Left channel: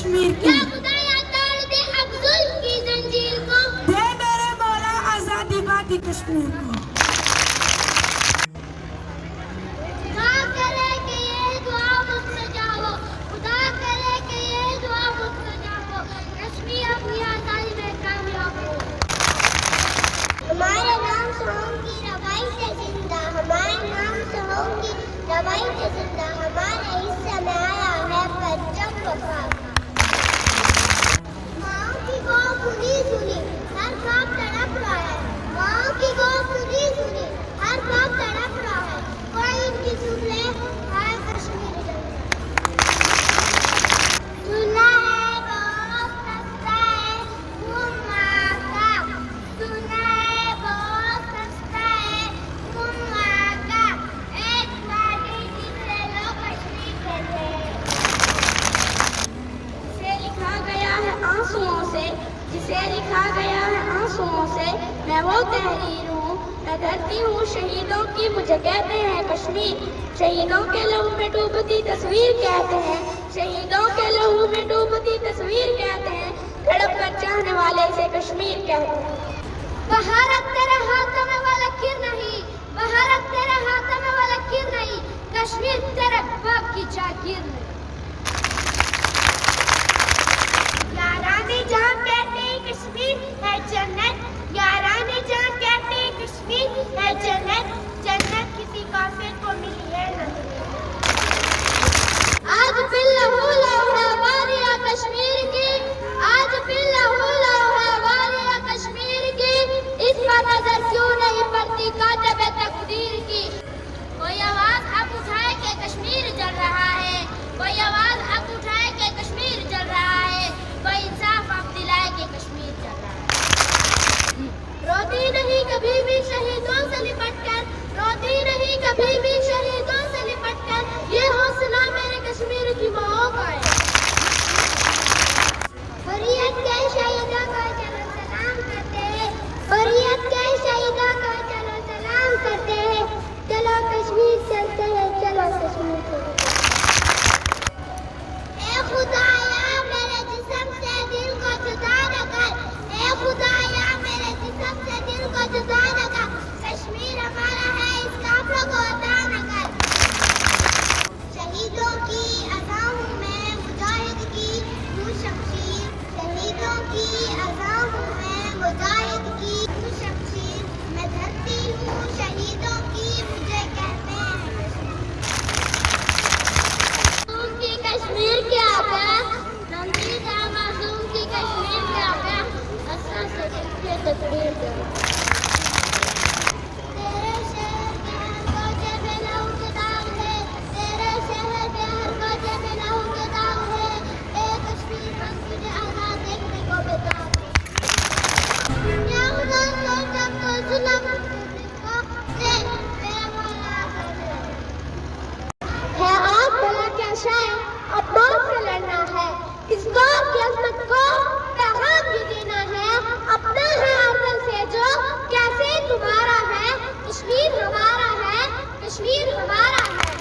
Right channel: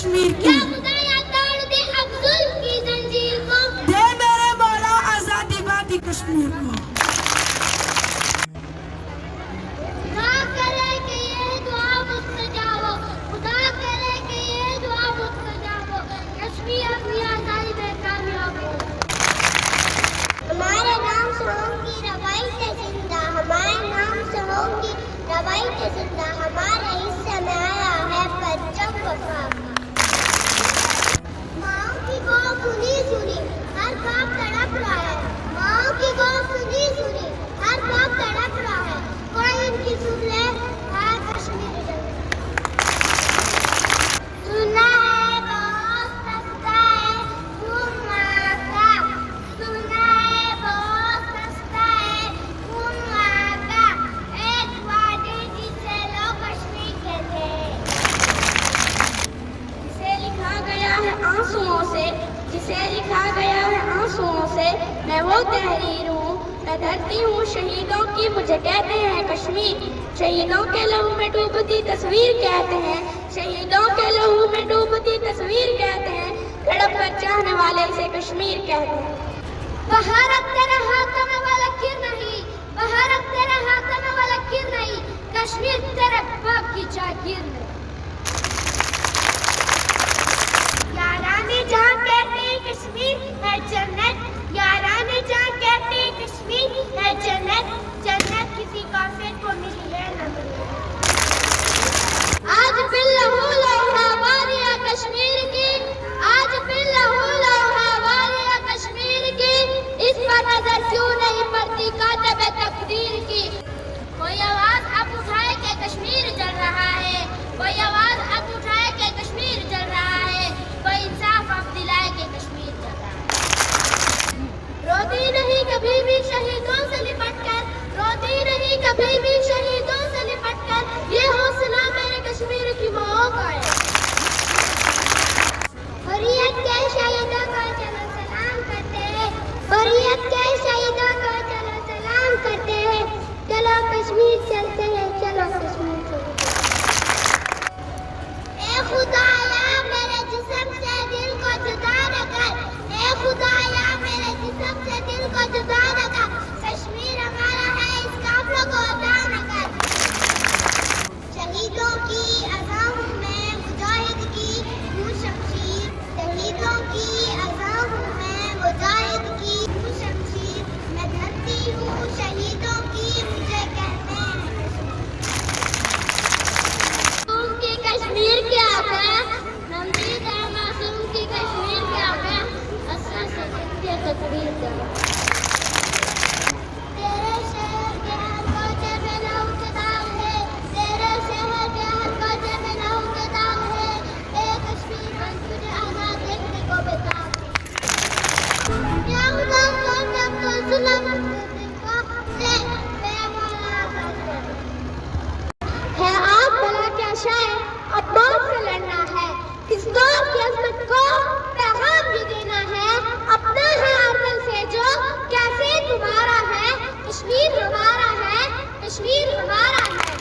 کشمیر کی، یا خدایا توڑ دے اب ظلم کی زنجیر کو، دے میرے مولا آزادی بادی کشمیر کو۔ خدا کرے کہ یہ دعا مستجاب ہو، خدا کرے کہ یہ دعا مستجاب ہو، کشمیر اپنی آزادی میں کامیاب ہو۔ ہمارے نام سے ہوں گی روایتیں زندہ، ہمارے نام سے ہوں گی روایتیں زندہ، ہمارے حصے میں آیا ہے پرچم وفا کا۔ ماؤں کی گو سنی سنی ہر باپ تڑپ رہا ہے، ماؤں کی گو سنی سنی ہر باپ تڑپ رہا ہے، کوئی ان کی سن لے ہے کشمیر جنگ۔ سنا ہے بہت سستا ہے خون ماں کا، سنا ہے بہت سستا ہے خون ماں کا، ایک وادی جسے لوگ کشمیر کہتے ہیں، جسے لکھا گیا ہے آنسوؤں سے، جسے لکھا گیا ہے آنسوؤں سے، میں وہ تحریر ہوں، میں دھرتی ہوں شہیدوں کی، مجھے کہتے ہیں کشمیر، شہیدوں کے لہو میں ڈوبتی تصویر کہتے ہیں، شہیدوں کے لہو میں ڈوبتی تصویر کہتے ہیں، تڑپ کر چاہنے والے اسے کشمیر کہتے ہیں۔ بھارت تیرے ہاتھوں میں وہ لکیر نہیں، بھارت تیرے ہاتھوں میں وہ لکیر نہیں، کشمیر تیرے باپ کی جاگیر نہیں۔ یارانی جہاں کہتے کشمیر ہے جنت، یارانی جہاں کہتے کشمیر ہے جنت، جنت کسی کافر کو ملی ہے نہ ملی۔ آج پھر لہو لہو ہے واریاں کشمیر کی، آج پھر لہو لہو ہے واریاں کشمیر کی، اس پر نظر کیوں نہیں پڑتی کاتب تقدیر کی۔ کوئی آواز اب اٹھائے کہ کشمیر جل رہا ہے، کوئی آواز اب اٹھائے کہ کشمیر جل رہا ہے، کوئی انصاف اب دلائے کہ کشمیر جل رہا ہے۔ روتی نہیں کبھی بھی شہیدوں سے لپٹ کر، روتی نہیں کبھی بھی شہیدوں سے لپٹ کر، یہ حوصلہ میرے کشمیر کی ماؤں کا ہے۔ حریت کے شہیدوں کو چلو سلام کرتے ہیں، حریت کے شہیدوں کو چلو سلام کرتے ہیں، چلو کشمیر چلتے ہیں، چلو کشمیر چلتے ہیں۔ اے خدایا میرے جسم سے دل کو جدا نہ کر، اے خدایا میرے جسم سے دل کو جدا نہ کر، کشمیر ہمارا ہے اس قافلوں کو عطا نہ کر۔ شہیدوں کی عزا ہوں میں مجاہد کی ہوں شمشیر، شہیدوں کی عزا ہوں میں مجاہد کی ہوں شمشیر، میں دھرتی ہوں شہیدوں کی، مجھے کہتے ہیں کشمیر۔ معصوم کی کشمیر کیا ہے، رنگیلا معصوم کی کشمیر کیا ہے، اسرا سے بچ کے تقریر کرو۔ تیرے شہر کے ہر کوچے میں لہو کے داغ ہے، تیرے شہر کے ہر کوچے میں لہو کے داغ ہے، اے کشمیر ہم تجھے آزاد دیکھنے کو بیتاب ہیں۔ یا خدا سوچ اب تو ظلم دے بے مولا آزاد ہے آپ بھلا کیا شے اب موت سے لڑنا ہے، اس قوم کی عظمت کو پیغام یہ دینا ہے، اپنا ہے ارض سے جو کیسے تمہارا ہے، کشمیر ہمارا ہے، کشمیر ہمارا ہے۔